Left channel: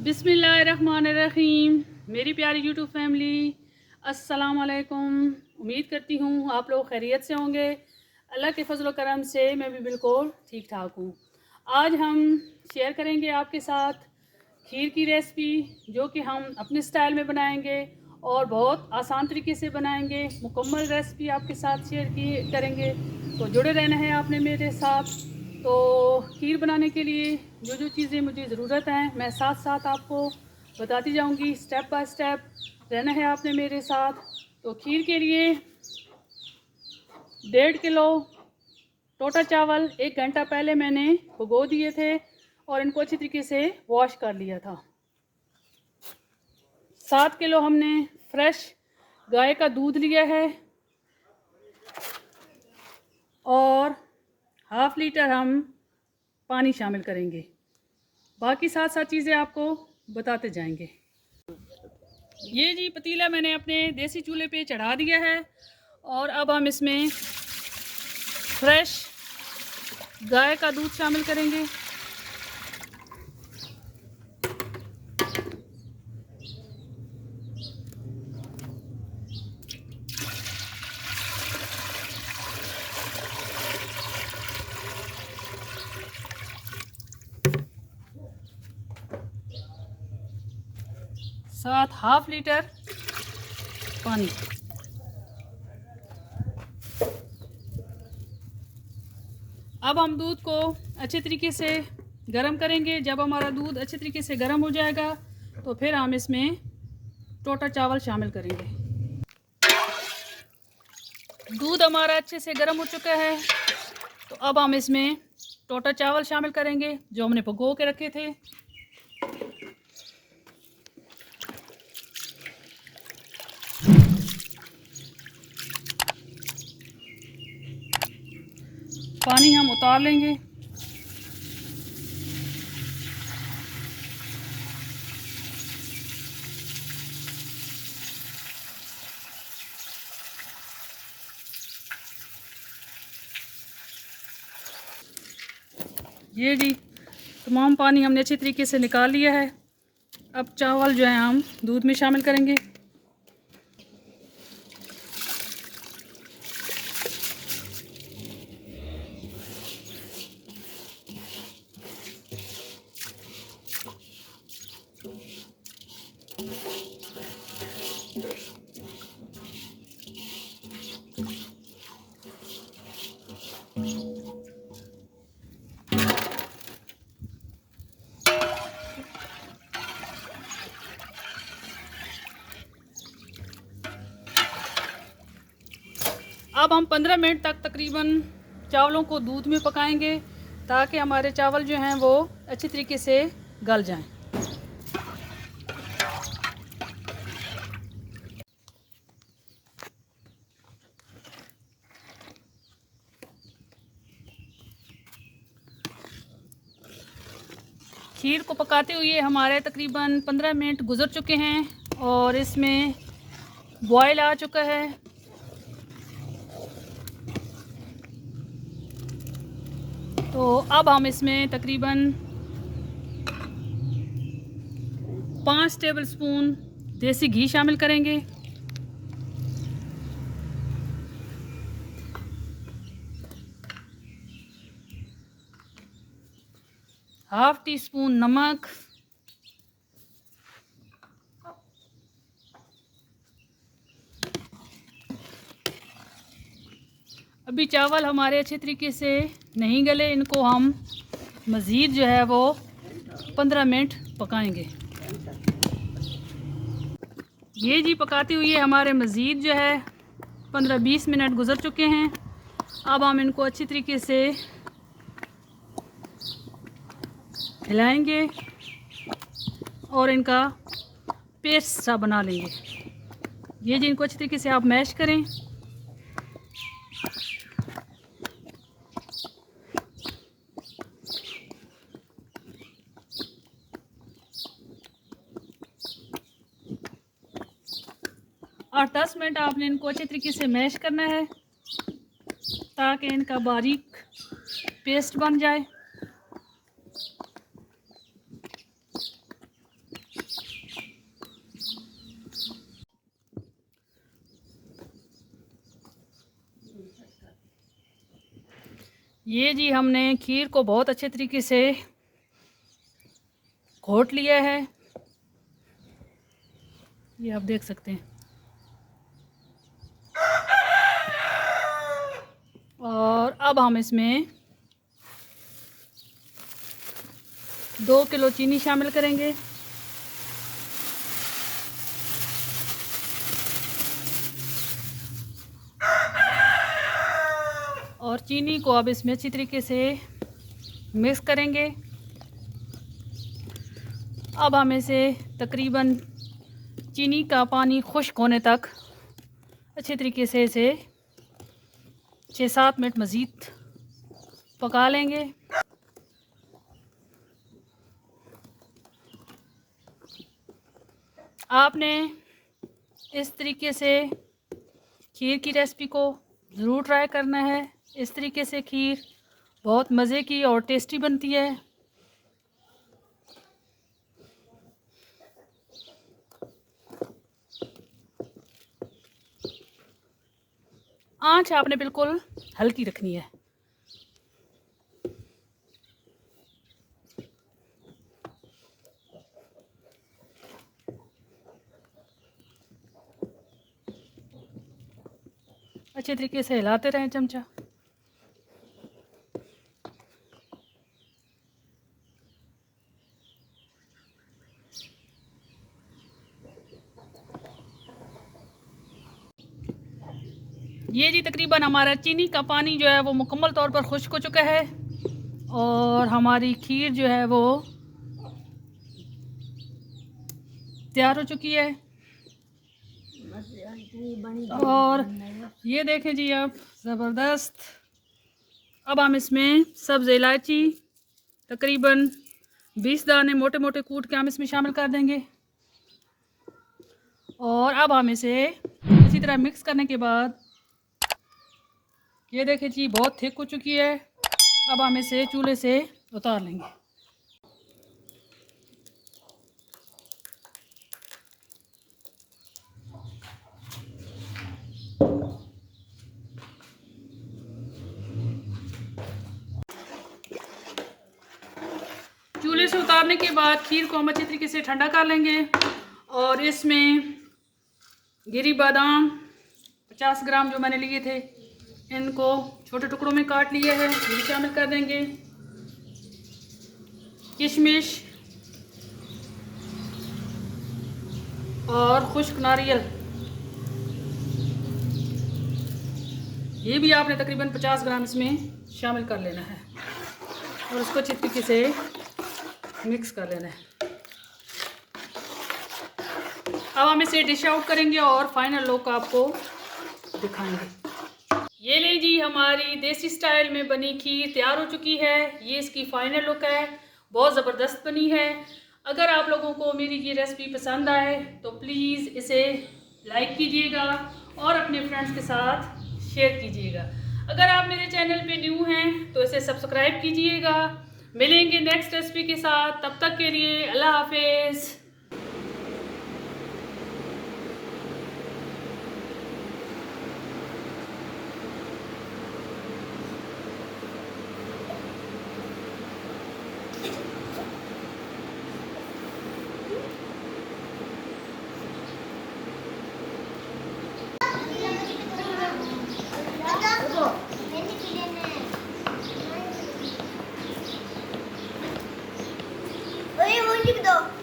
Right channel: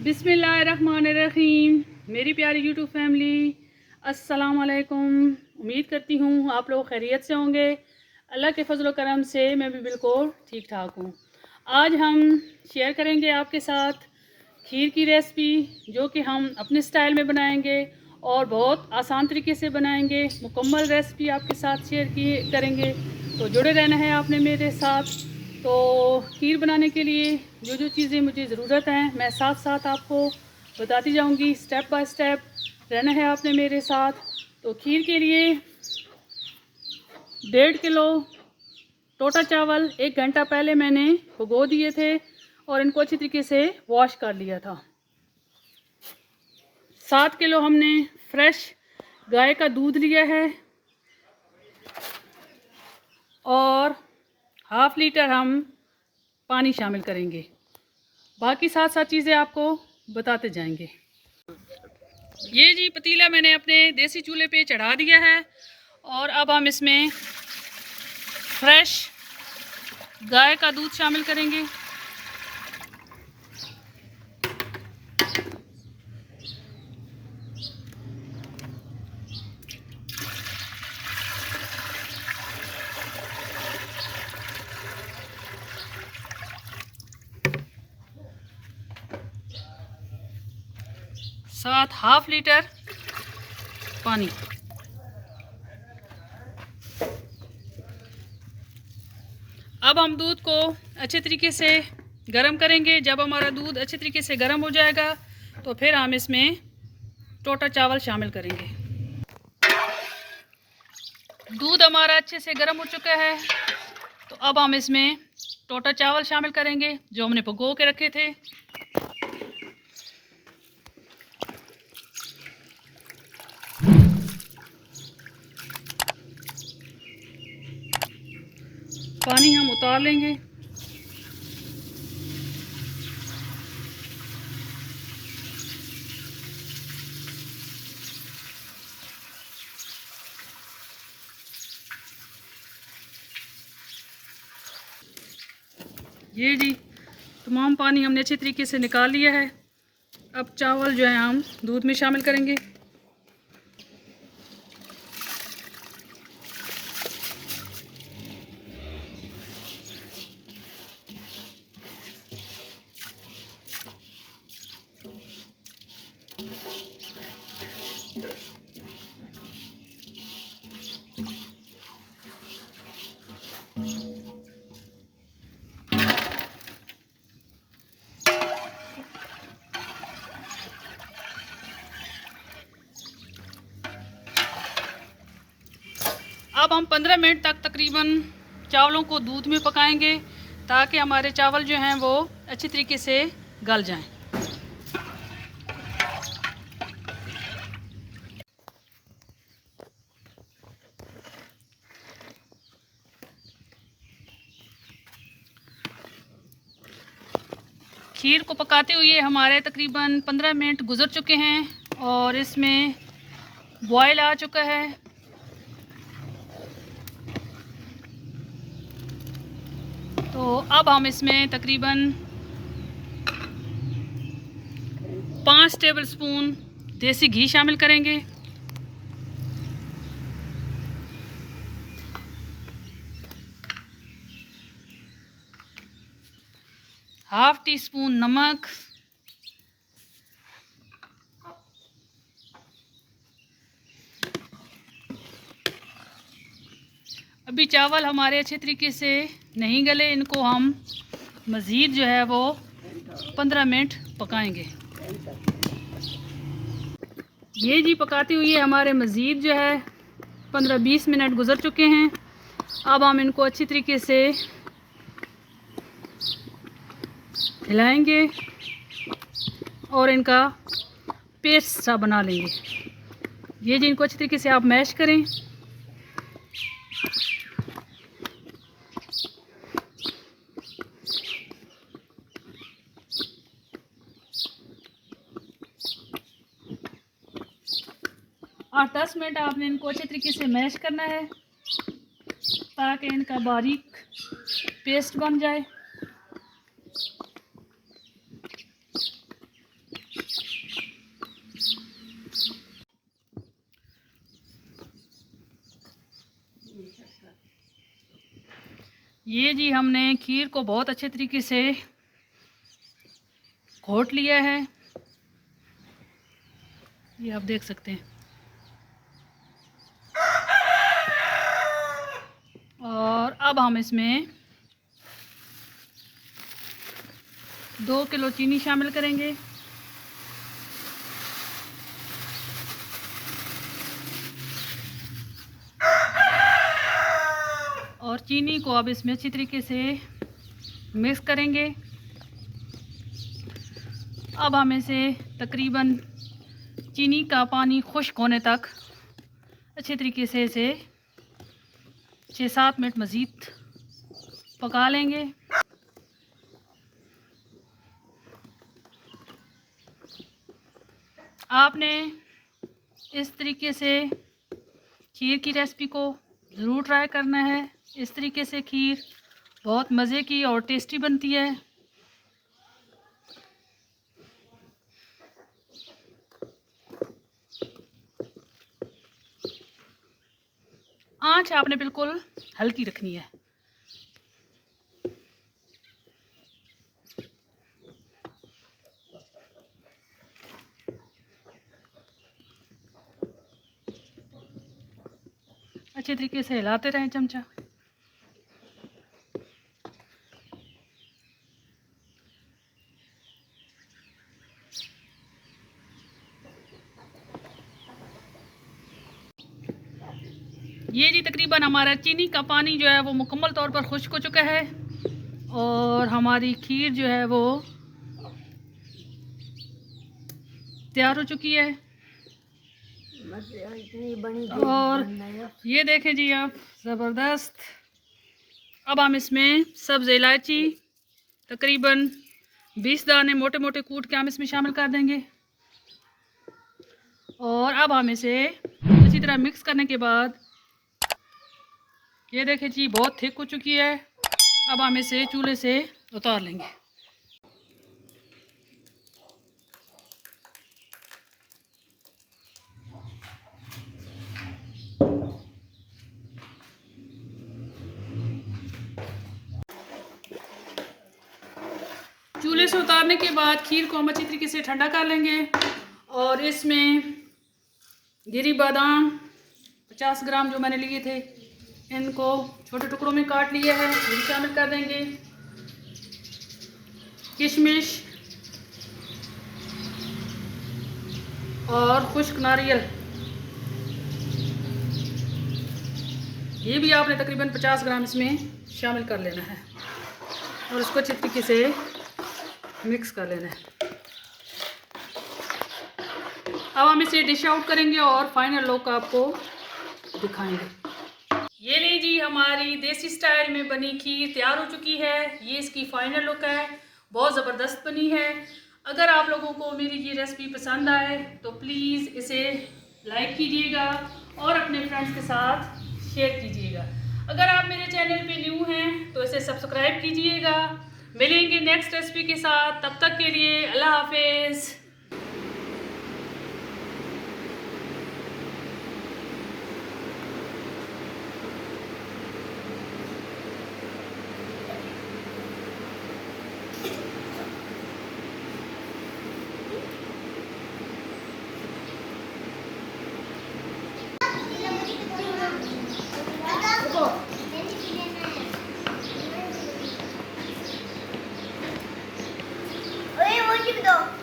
बिस्मिल्लाहिर्रहमानिर्रहीम। मेरी प्यारी यूट्यूब फैमिली, अस्सलाम वालेकुम। उम्मीद करती हूँ आप लोग खैरियत से होंगे। अल्लाह के फजल करम से मैं भी बिल्कुल ठीक ठाक हूँ। आज हम शेयर करेंगे आपके साथ खीर की रेसिपी, जो कि हम अपने स्टाइल में बनाएंगे और बहुत आसान तरीके से बनाएंगे। मुकम्मल रेसिपी आपके साथ शेयर करेंगे, तो जुड़े रहना है आपने मेरे साथ। तो खीर बनाने के लिए जो जो चीज़ें मुझे ज़रूरत हैं, मैं साथ साथ आपको बताती जाऊंगी, स्टेप बाय स्टेप रहना है आपने मेरे साथ। तो खीर के लिए 1.5 किलो टोटा चावल 1 घंटा पहले मैंने भिगो दिए थे और इनको अच्छी तरीके से वॉश कर लिया था। 7 किलो हमने फ्रेश गाय का दूध लिया है और ½ लीटर हम पानी शामिल करेंगे। बाकी साथ साथ चीज़ें आपको बताते जाएंगे। ये जी पतीला मैंने अपने देसी चूल्हे पे चढ़ा दिया है और अब हम इसमें फ्रेश गाय का दूध शामिल करेंगे। साथ ½ लीटर पानी। अब हम दूध को अच्छे तरीके से गर्म करेंगे। जब हमारा दूध अच्छे तरीके से गर्म हो जाएगा तो फिर हम इसमें टोटा चावल शामिल करेंगे। दूध हमारा अच्छे से गर्म हो चुका है, तो अब हम इसमें टोटा चावल शामिल करेंगे जो हमने भिगो के रखे थे। पानी हम उतार लेंगे। ये जी तमाम पानी हमने अच्छे तरीके से निकाल लिया है। अब चावल जो है हम दूध में शामिल करेंगे। अब हम 15 मिनट तक तकरीबन चावलों को दूध में पकाएंगे ताकि हमारे चावल जो हैं वो अच्छी तरीके से गल जाएं। खीर को पकाते हुए हमारे तकरीबन 15 मिनट गुजर चुके हैं और इसमें बॉयल आ चुका है। तो अब हम इसमें तकरीबन 5 टेबलस्पून देसी घी शामिल करेंगे। ½ टीस्पून नमक, अभी चावल हमारे अच्छे तरीके से नहीं गले, इनको हम मज़ीद जो है वो 15 मिनट पकाएंगे। ये जी पकाते हुए हमारे मज़ीद जो है 15-20 मिनट गुजर चुके हैं। अब हम इनको अच्छी तरीके से हिलाएंगे और इनका पेस्ट सा बना लेंगे। ये जी इनको अच्छी तरीके से आप मैश करें। और 10 मिनट आपने इनको अच्छे तरीके से मैश करना है ताकि इनका बारीक पेस्ट बन जाए। ये जी हमने खीर को बहुत अच्छे तरीके से घोट लिया है, ये आप देख सकते हैं। और अब हम इसमें 2 किलो चीनी शामिल करेंगे। और चीनी को अब इसमें अच्छी तरीके से मिक्स करेंगे। अब हम इसे तकरीबन चीनी का पानी खुश्क होने तक अच्छे तरीके से इसे 6-7 मिनट मज़ीद पका लेंगे। आपने इस तरीके से खीर की रेसिपी को ज़रूर ट्राई करना है। इस तरीके से खीर बहुत मज़े की और टेस्टी बनती है। आंच आपने बिल्कुल हल्की रखनी है। अच्छे तरीके से हिलाते रहें चमचा। ये जी तकरीबन हमारा चीनी का पानी जो है वो मुकम्मल तौर पर खुश्क हो चुका है और हमारी खीर जो है वो तैयार हो चुकी है। और ये देखें जी आप, ज़बरदस्त। अब हम इसमें सब्ज़ इलायची तकरीबन 20 दाने मोटे मोटे कूट के हम इसमें शामिल कर देंगे। और अब हम इसे अच्छी तरह मिक्स करने के बाद ये देखें जी बहुत थिक हो चुकी है। अब हम इसे चूल्हे से उतार लेंगे। चूल्हे से उतारने के बाद खीर को हम अच्छी तरीके से ठंडा कर लेंगे और इसमें गिरी बादाम 50 ग्राम जो मैंने लिए थे, इनको छोटे टुकड़ों में काट लिया है, ये भी शामिल कर देंगे। किशमिश और खुश्क नारियल, ये भी आपने तकरीबन 50 ग्राम इसमें शामिल कर लेना है और इसको अच्छी तरीके से मिक्स कर लेना है। अब हम इसे डिश आउट करेंगे और फाइनल लुक आपको दिखाएंगे। ये नहीं जी हमारी देसी स्टाइल में बनी खीर तैयार हो चुकी है। ये इसकी फाइनल लुक है, बहुत ज़बरदस्त बनी है। अगर आप लोगों को मेरी ये रेसिपी पसंद आए तो प्लीज़ इसे लाइक कीजिएगा और अपने फ्रेंड्स के साथ शेयर कीजिएगा। अगर आप मेरे चैनल पे न्यू हैं तो इसे सब्सक्राइब कीजिएगा। मिलेंगे नेक्स्ट रेसिपी के साथ, तब तक के लिए अल्लाह हाफिज़। Oye, un chiquito.